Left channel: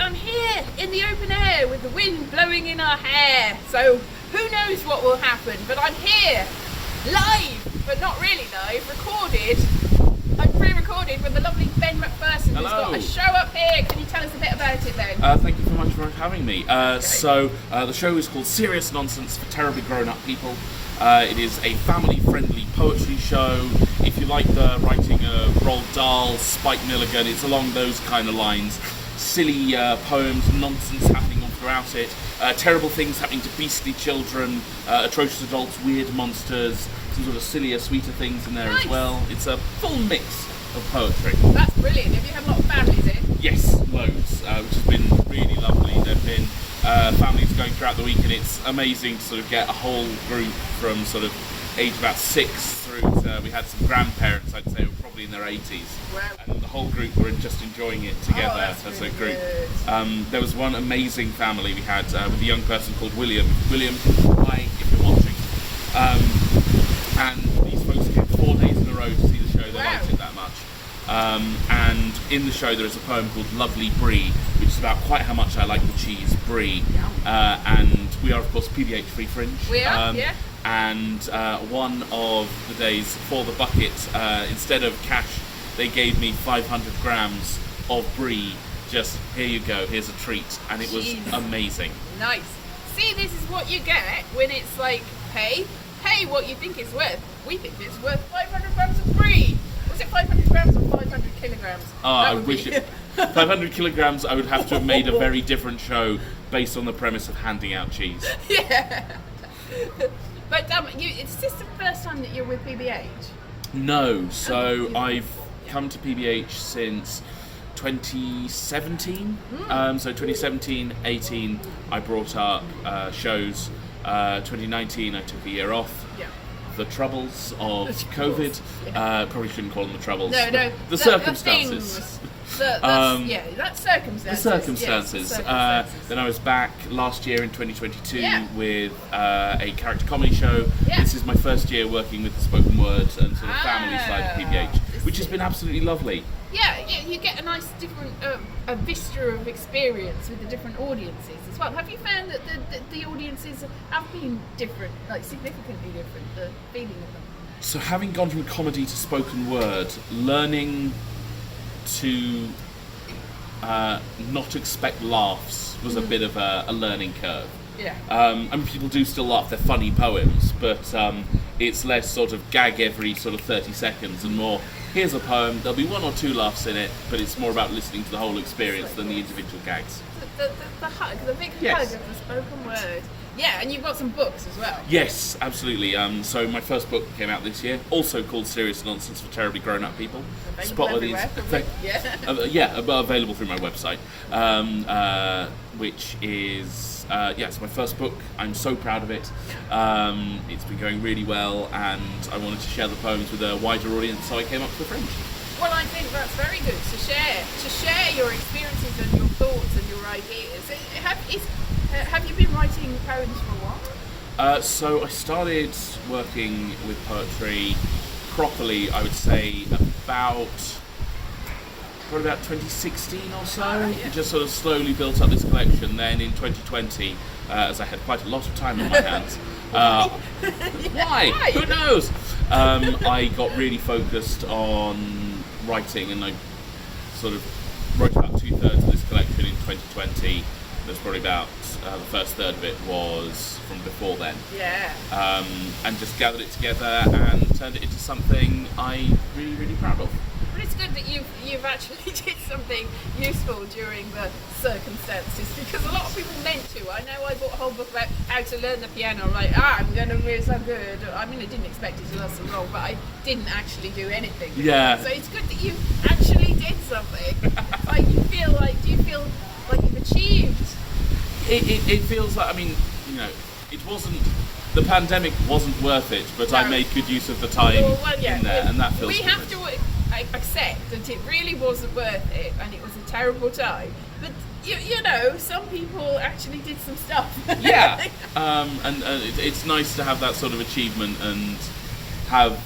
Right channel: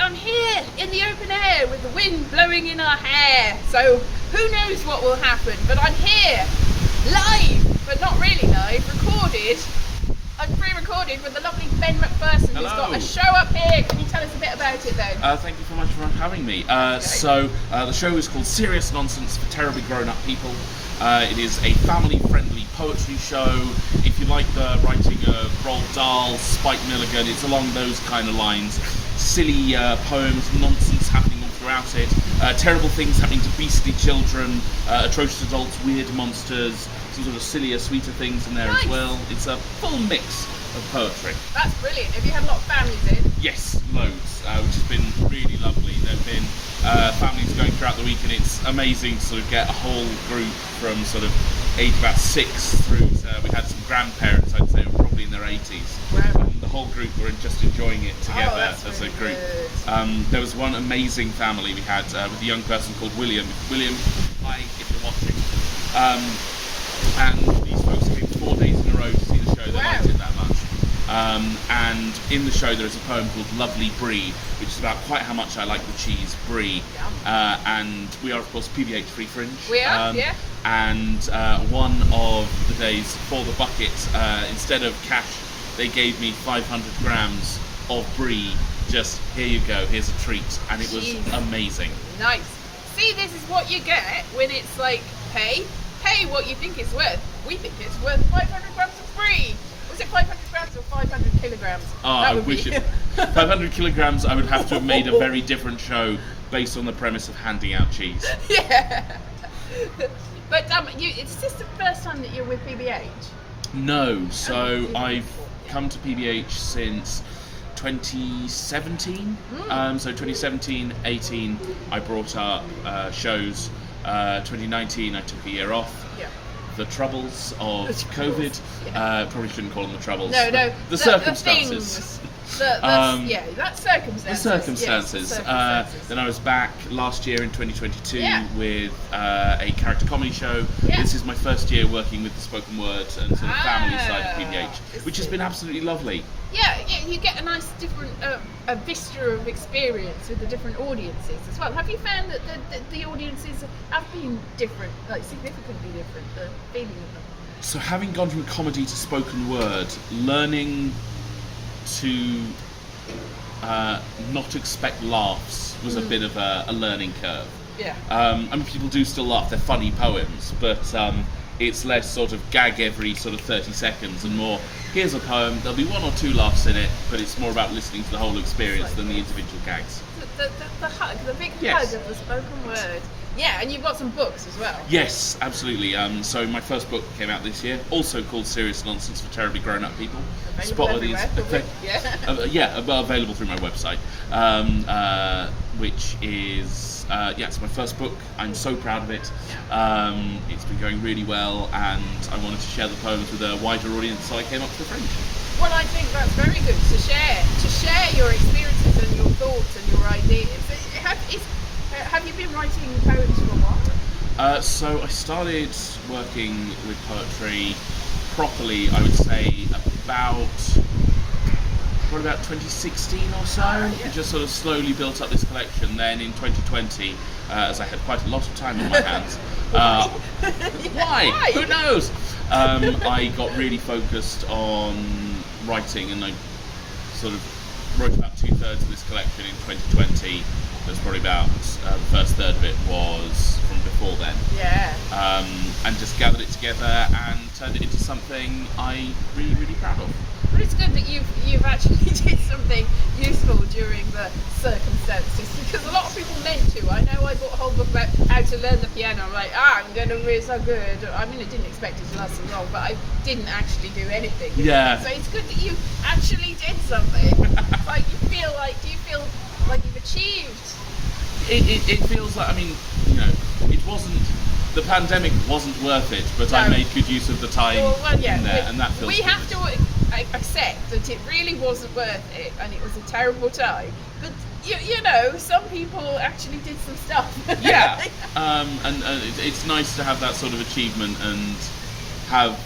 I'm here in the open air with the wind blowing in our hair. So who knows what will happen? But I'm here, live, but not really live, recorded. I'm pre-recorded with the lovely Ben McPherson, who's got a show up here. Can you tell us a bit about it, Ben? Thank you so much for having me. So the show is called Serious Nonsense for Terribly Grown-Up People. It is a family-friendly poetry show. If you like the writing of Roald Dahl, Spike Milligan, it's along those kind of lines. Silly poems, nonsense happening all throughout it. Terrible things happening to beastly children, atrocious adults, weird monsters, some sort of sillier, sweeter things in there as well. It's a full mix of poetry. That's brilliant. Have you had a lot of families in? Yes, loads, which has been really lovely. There have been families going throughout the week, and it's amazing to sort of get a whole group from sort of age about 6 through to, we had some grandparents, I'd say, were probably in their 80s. Wow. And the whole group were just enjoying it together as a group. There was one amazing family we had with a young person called William. William, hi, if you're watching. And these folks came 4 days in a row to see the show. They liked it that much. And in the show there is a poem called Lovely Brie, which is about quite how much I like the cheese brie. And we are of course PBH3 Fringe. We are, yeah. And one of the days for the bucket, instead of cash, they gave me 500 grams of brie. Just, here you go, here's a treat. And it was amazing. Nice. See, this is what you get when it's like, pay what you think it's worth. We think it's worth 500 grams of brie. Was it 500 grams or 500 kilograms? I wish it. 500 kilograms, I would have to have made a very different show based on the premise of handing out cheese. Yeah. But is this the first time that you're with PBH? No, so I've come to PBH since 2017. So 2017, 18, I brought up shows. 2019, I took a year off. The troubles of COVID. Probably shouldn't call them the troubles. No. The circumstances. That's circumstances. The circumstances. Yes, Then I was back last year in 2022 with a character comedy show. This is my first year working with the spoken word and sort of family side of PBH, which has been absolutely lovely. Yeah, you get a nice different a vista of experience with the different audiences as well. Have you found that the audiences have been different, like significantly different, the feeling of them? So having gone from comedy to spoken word, learning to not expect laughs was a bit of a learning curve. Yeah. I mean, people do still laugh, they're funny poems, but it's less sort of gag every sort of 30 seconds and more, here's a poem, there'll be 1 or 2 laughs in it, but it's more about listening to the whole experience than the individual gags. The hug, the big hug of the spoken word. Yeah, and you've got some books as well. Yes, absolutely. So my first book came out this year, also called Serious Nonsense for Terribly Grown-Up People. Available everywhere, available through my website, which is it's my first book. I'm so proud of it. It's been going really well, and I wanted to share the poems with a wider audience, so I came up to the Fringe. Well, I think that's very good to share your experiences and your thoughts and your ideas. Have you been writing poems for a while? So I started working with poetry properly, I would say, about 2016 or so. It just sort of slowly built up this collection. Then in 2020, as I had quite a lot of time on my hands, why? Who knows? I got really focused on writing, and I sort of wrote about 2/3 of this collection in 2020. There's probably about the first third of it was from before then. And just gathered it together and turned it into something I'm really, really proud of. But it's good that you've actually did something useful during the circumstances, because a lot of people meant to. I know I bought a whole book about how to learn the piano. I'm like, I'm going to be so good. I mean, I didn't expect it to last so long, but I didn't actually do anything. So it's good that you actually did something. Do you feel like you've achieved? It feels like, I mean, it wasn't, the pandemic wasn't worth it, but I made good use of the time in there, and that feels we have to accept that it really wasn't worth it, and it was a terrible time. But some people actually did some stuff. And it's nice to have that sort of achievement and have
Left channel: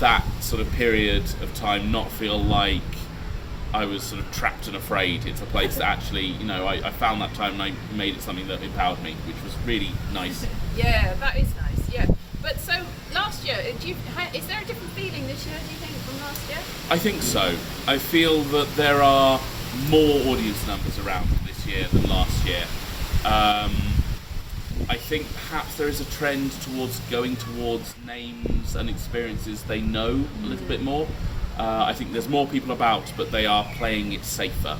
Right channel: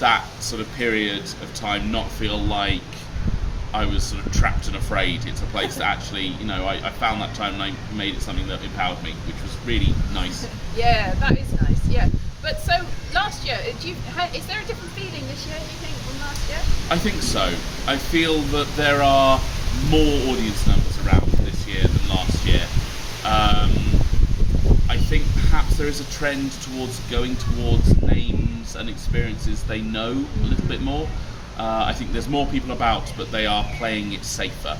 that sort of period of time not feel like I was sort of trapped and afraid. It's a place that actually, you know, I found that time and I made it something that empowered me, which was really nice. Yeah, that is nice. Yeah. But so last year, is there a different feeling this year, do you think, from last year? I think so. I feel that there are more audience numbers around this year than last year. I think perhaps there is a trend towards going towards names and experiences they know a little bit more. I think there's more people about, but they are playing it safer.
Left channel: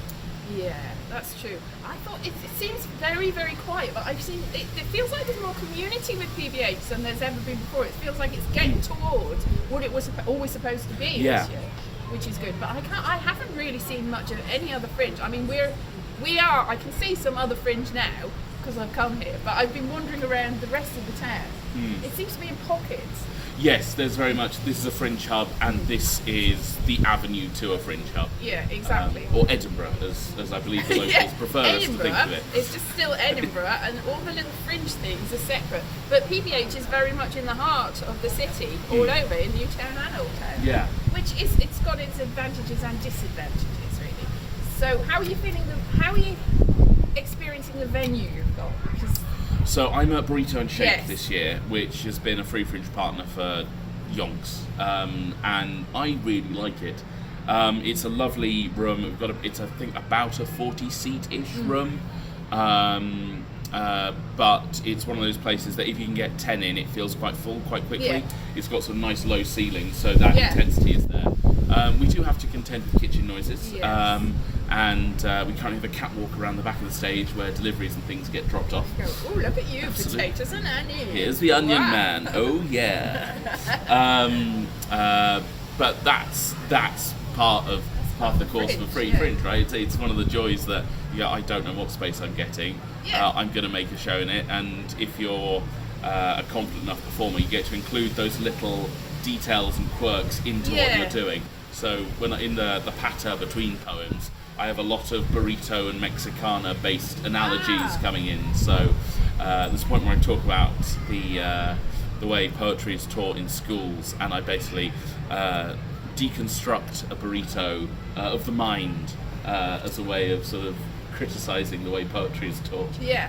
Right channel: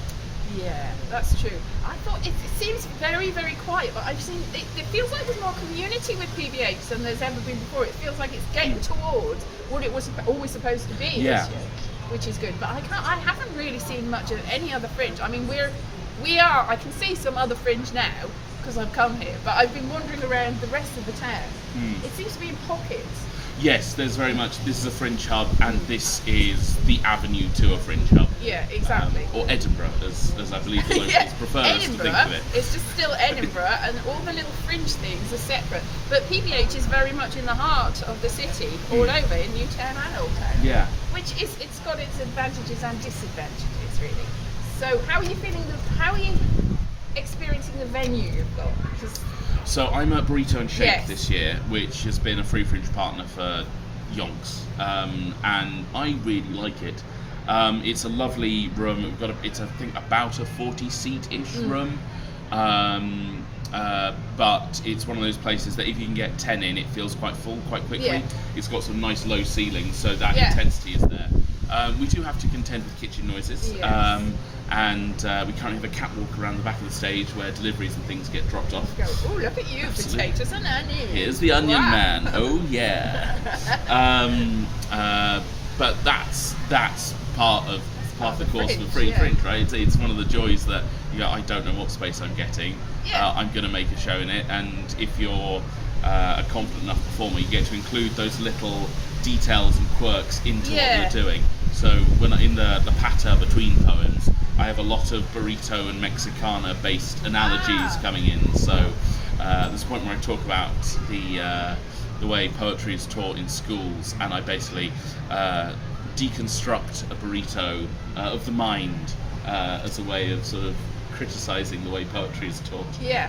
Yeah, that's true. I thought it seems very, very quiet, but I've seen it feels like there's more community with PBH than there's ever been before. It feels like it's getting towards what it was always supposed to be this year, which is good. But I haven't really seen much of any other fringe. I mean, I can see some other fringe now because I've come here, but I've been wandering around the rest of the town. It seems to be in pockets. Yes, there's very much. This is a fringe hub, and this is the avenue to a fringe hub. Yeah, exactly. Or Edinburgh, as I believe the locals prefer us to think of it. It's just still Edinburgh, and all the little fringe things are separate. But PBH is very much in the heart of the city, all over, in Newtown and Old Town. Yeah. It's got its advantages and disadvantages, really. So how are you feeling? How are you experiencing the venue you've got? So I'm at Burrito and Shake Yes. this year, which has been a Free Fringe partner for yonks, and I really like it. It's a lovely room. It's I think about a 40-seat-ish room, but it's one of those places that if you can get 10 in, it feels quite full quite quickly. Yeah. It's got some nice low ceilings, so that intensity is there. We do have to contend with kitchen noises. Yes. And we currently have a catwalk around the back of the stage where deliveries and things get dropped off. Oh, look at you, Absolutely. potatoes and onions. Here's the onion Wow. man. Oh yeah. But that's part of the course of the free fringe, right? It's one of the joys that I don't know what space I'm getting. Yeah. I'm going to make a show in it, and if you're a confident enough performer, you get to include those little details and quirks into what you're doing. So when in the patter between poems, I have a lot of burrito and Mexicana based analogies coming in. So there's a point where I talk about the way poetry is taught in schools, and I basically deconstruct a burrito of the mind as a way of sort of criticising the way poetry is taught. Yeah,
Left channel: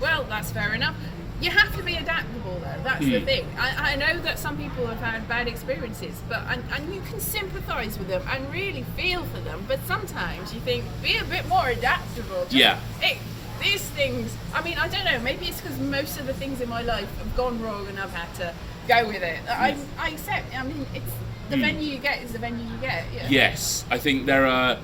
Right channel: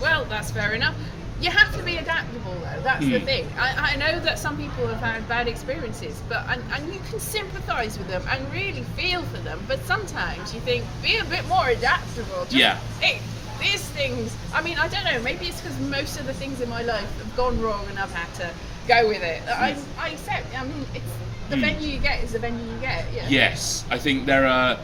well, that's fair enough. You have to be adaptable, though. That's the thing. I know that some people have had bad experiences, but and you can sympathise with them and really feel for them. But sometimes you think, be a bit more adaptable. Hey, these things. I mean, I don't know. Maybe it's because most of the things in my life have gone wrong, and I've had to go with it. I accept. I mean, it's the venue you get is the venue you get. Yeah. Yes, I think there are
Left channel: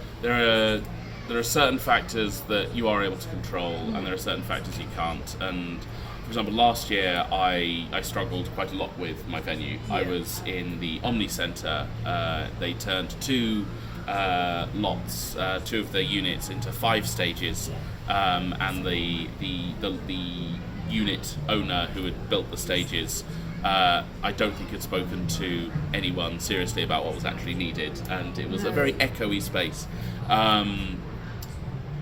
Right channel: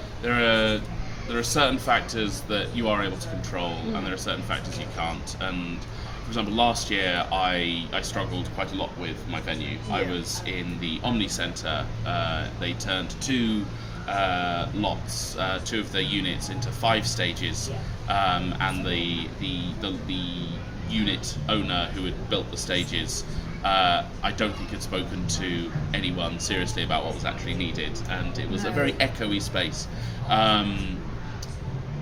certain factors that you are able to control, and there are certain factors you can't. And for example, last year I struggled quite a lot with my venue. I was in the Omni Centre. They turned two of the units into 5 stages, and the unit owner who had built the stages, I don't think had spoken to anyone seriously about what was actually needed, and it was a very echoey space.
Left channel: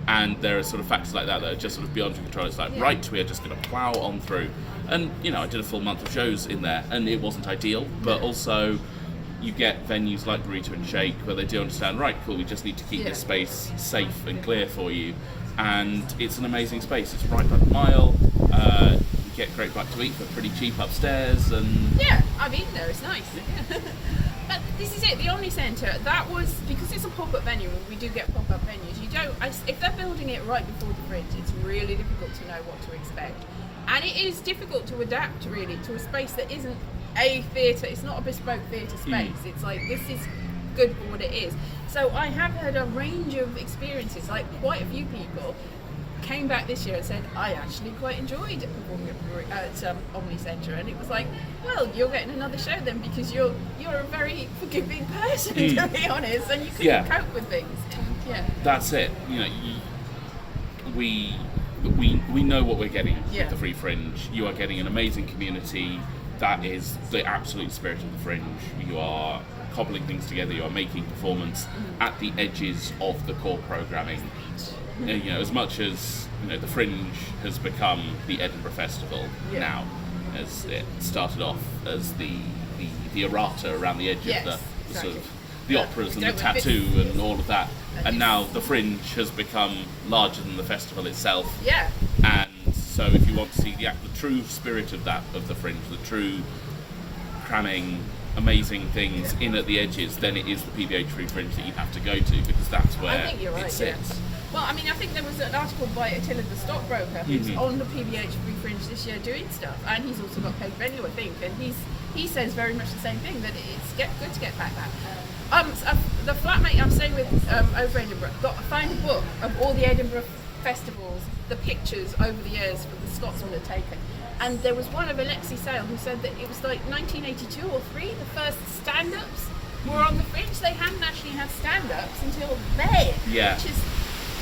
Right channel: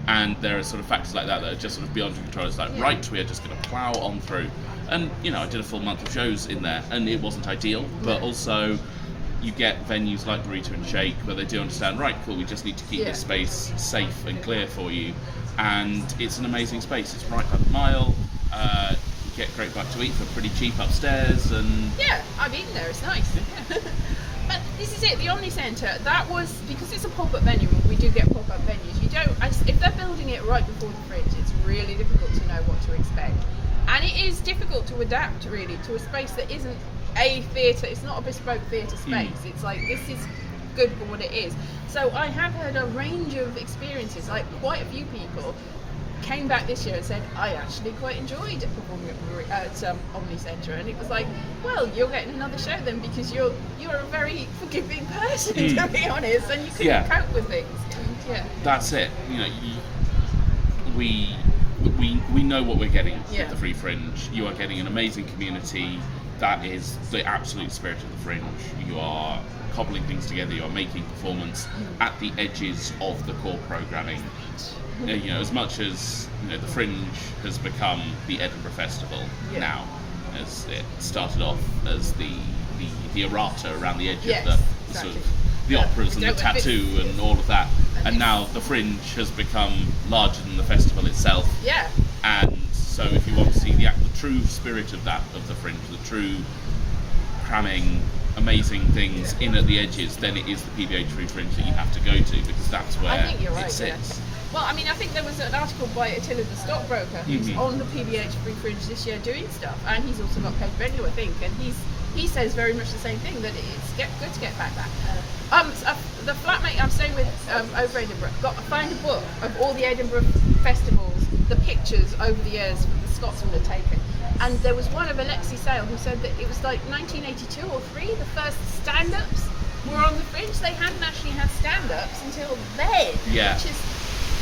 And there are sort of factors like that are just sort of beyond your control. It's like, right, we are just going to plough on through. And, I did a full month of shows in there, and it wasn't ideal, but also you get venues like Burrito and Shake where they do understand, right, cool, we just need to keep this space safe and clear for you. And it's an amazing space. It's right by the mile. You get great bite to eat for pretty cheap upstairs. And yeah, I've eaten there. It's nice. Yeah. But this is it. The Omni Centre. That was because it's a pop-up venue. We do get pop-up venues. You don't. If they're building it right before the fringe, it's really difficult to know what to expect, and it is difficult to adapt really to a space that isn't a theatre. It's not a bespoke theatre space. It's like this is good for what it is. So I have had a range of experiences. Like quite a few people came back this year and said, I actually quite enjoyed performing at Omni Centre, and it was like, well, you're getting another show then because you're a very forgiving person, to be honest, and you can cope with things. And, that's it. We know what we're getting with the Free Fringe. You are getting an amazing community. That is the absolute spirit of the Fringe. You are cobbling things together. You are making performance at the edges of the core programming. As much as the Fringe has become the Edinburgh Festival now, as it started off as the errata around the edge of the sort of the operas and the Don't with tattoo this. and all of that. And And it's- now the Fringe has become larger than the festival itself. Yeah. And so if you want to see the true spirit of that, of the Fringe, the true cramming amazing things in at the edges, then it is the PBH Free Fringe that you have to go to, because that's where I think you're right, it sits. yeah. Well, I mean, I think there was an article by Attila the stockbroker who's on the PBH Free Fringe this year doing stuff, and he's also got paid venue, I think, and he says very much the same thing, that it's good to get back that. So the flatmate I'm staying with over Edinburgh found a book of all the Edinburgh festivals, the pictures over the years that the Scotsmen had taken. And there was one of Alexi Sale who said that it was like 1982 or 3, the first stand-ups were on the Fringe. They hadn't actually had stand-ups until then, Yeah. which is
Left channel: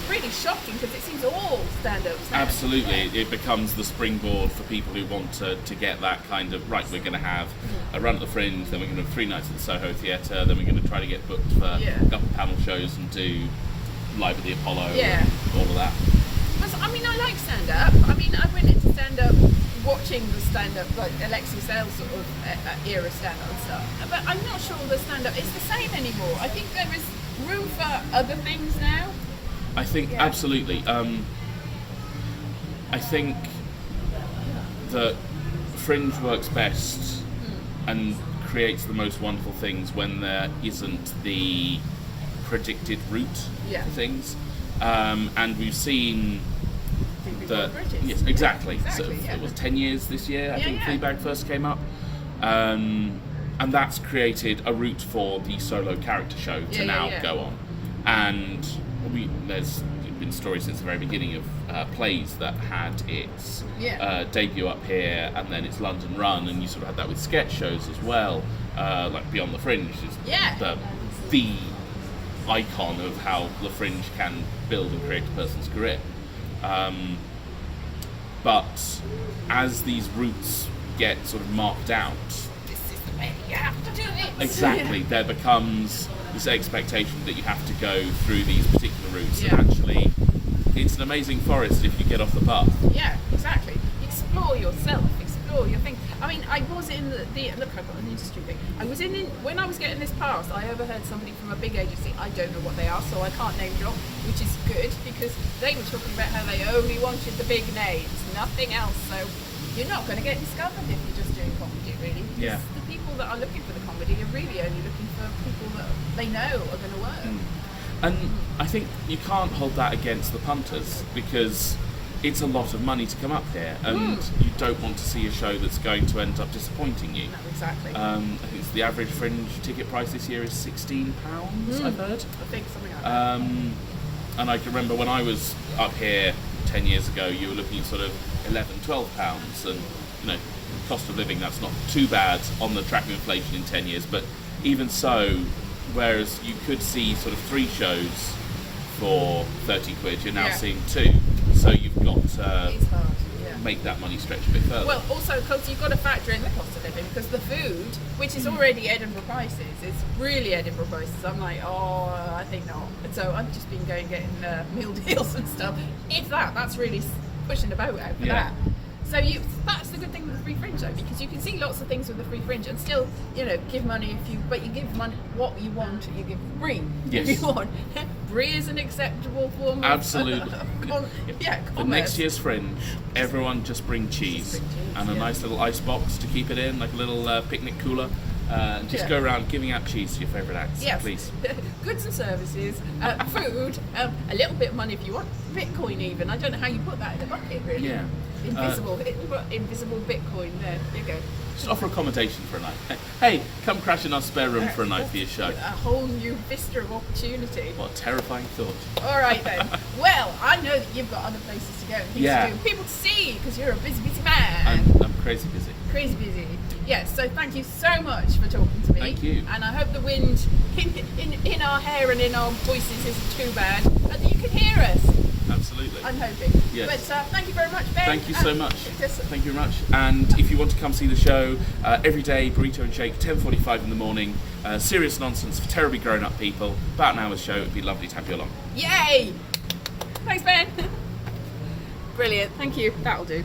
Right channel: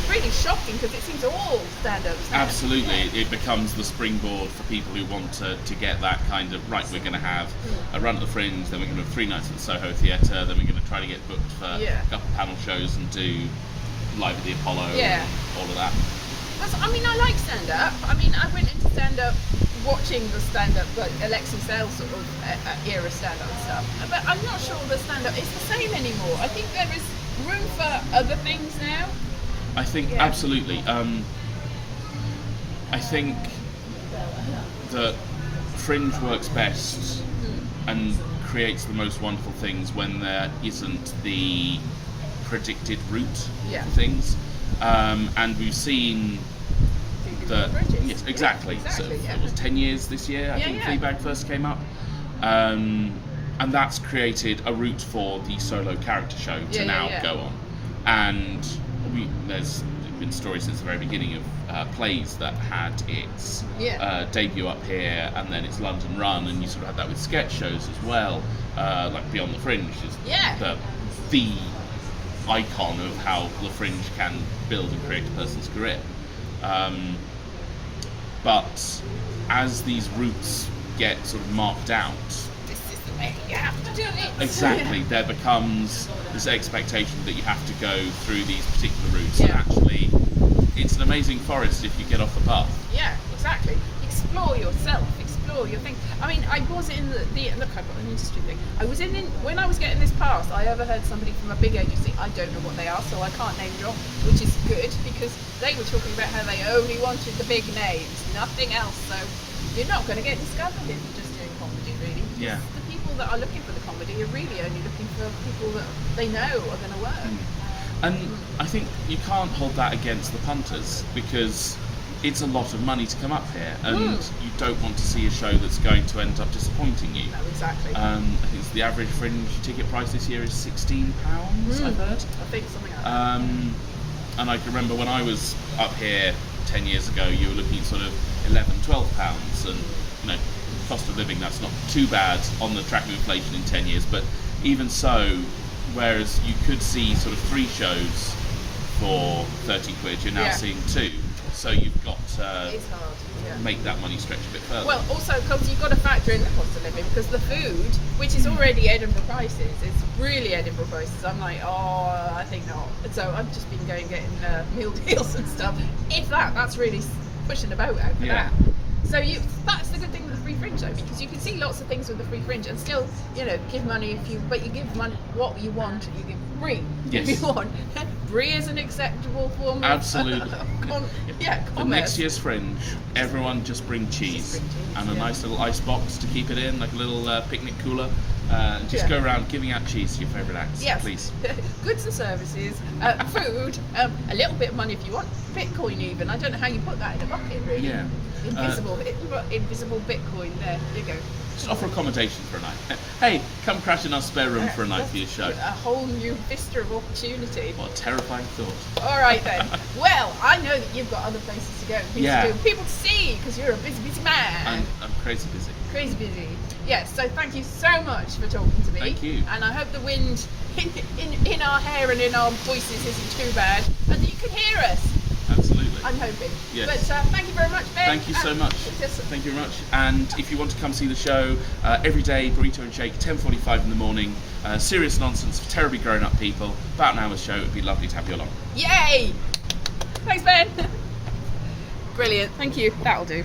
really shocking because it seems all stand-ups now. Absolutely, it becomes the springboard for people who want to get that kind of, right, we're going to have a run at the Fringe, then we're going to have 3 nights at the Soho Theatre, then we're going to try to get booked for a couple of panel shows and do Live at the Apollo and all of that. I mean, I like stand-up. I mean, I went into stand-up watching the stand-up, like Alexi Sale sort of era stand-up and stuff. But I'm not sure the stand-up is the same anymore. I think there is room for other things now. I think, absolutely. I think that Fringe works best and creates the most wonderful things when there isn't the predicted route for things. And we've seen that. Yes, exactly. So it was 10 years this year, I think Fleabag first came up. And that's created a route for the solo character show to now go on. And there's been stories since the very beginning of plays that had its debut up here and then its London run, and you sort of had that with sketch shows as well, like Beyond the Fringe is the icon of how the Fringe can build and create a person's career. But as these routes get sort of marked out, This is the way you have to do it. exactly, there becomes this expectation that you have to go through these particular routes, and actually it's an amazing forest if you get off the path. Yeah, exactly. Explore yourself, explore your thing. I mean, I was in the look, I've got an industry thing. I was in when I was getting this pass, I overheard somebody from a big agency, I don't know what they are, so I can't name drop, which is good, because they were talking about how they only wanted the big names, nothing else. So you're not going to get discovered if you're just doing comedy, really. Yeah. The people that are looking for the comedy are really only looking for people that they know are going to work. And I think you can't hold that against the punters, because it's a lot of money to come up here, and you don't want to see a show that's going to end up disappointing you. No, exactly. I think it's the average Fringe ticket price this year is £16, I've heard. I think something like that. And I can remember when I was up here 10 years ago, you were looking at sort of £11, £12, and cost of living, that's not too bad on the track of inflation in 10 years, but even so, whereas you could see sort of 3 shows for 30 quid, you're now seeing 2. So you've got to It is hard, make that money stretch a bit further. Well, also because you've got to factor in the cost of living, because the food, which is already Edinburgh prices, is really Edinburgh prices. I'm like, I think not. And so I've just been getting meal deals and stuff. If that's really pushing the boat out for that. So that's the good thing with the Free Fringe, though, because you can see lots of things with the Free Fringe and still, give money but you give money what you want. You give brie if you want. Brie is an acceptable form of Absolutely. For commerce. next year's Fringe, everyone just bring cheese and a nice little ice box to keep it in, like a little picnic cooler. And just go around giving out cheese to your favourite acts, please. Goods and services, food, a little bit of money if you want, Bitcoin even. I don't know how you put that in a bucket, really. Yeah. Invisible Bitcoin, there you go. Just offer accommodation for a night. Hey, come crash in our spare room for a night for your show. A whole new vista of opportunity. What a terrifying thought. All right then. Well, I know that you've got other places to go and things to do, people to see, because you're a busy man. I'm crazy busy. Crazy busy. Yes, so thank you so much for talking to me. Thank you. And I hope the wind in our hair and in our voices isn't too bad, and that you can hear us. Absolutely. I'm hoping. Yes. But thank you very much, Ben. Thank you so much. Thank you very much. And if you want to come see the show, every day, Burrito and Shake, 10:45 in the morning. Serious nonsense for terribly grown-up people. About an hour's show. It would be lovely to have you along. Yay! Thanks, Ben. Brilliant. Thank you. That'll do.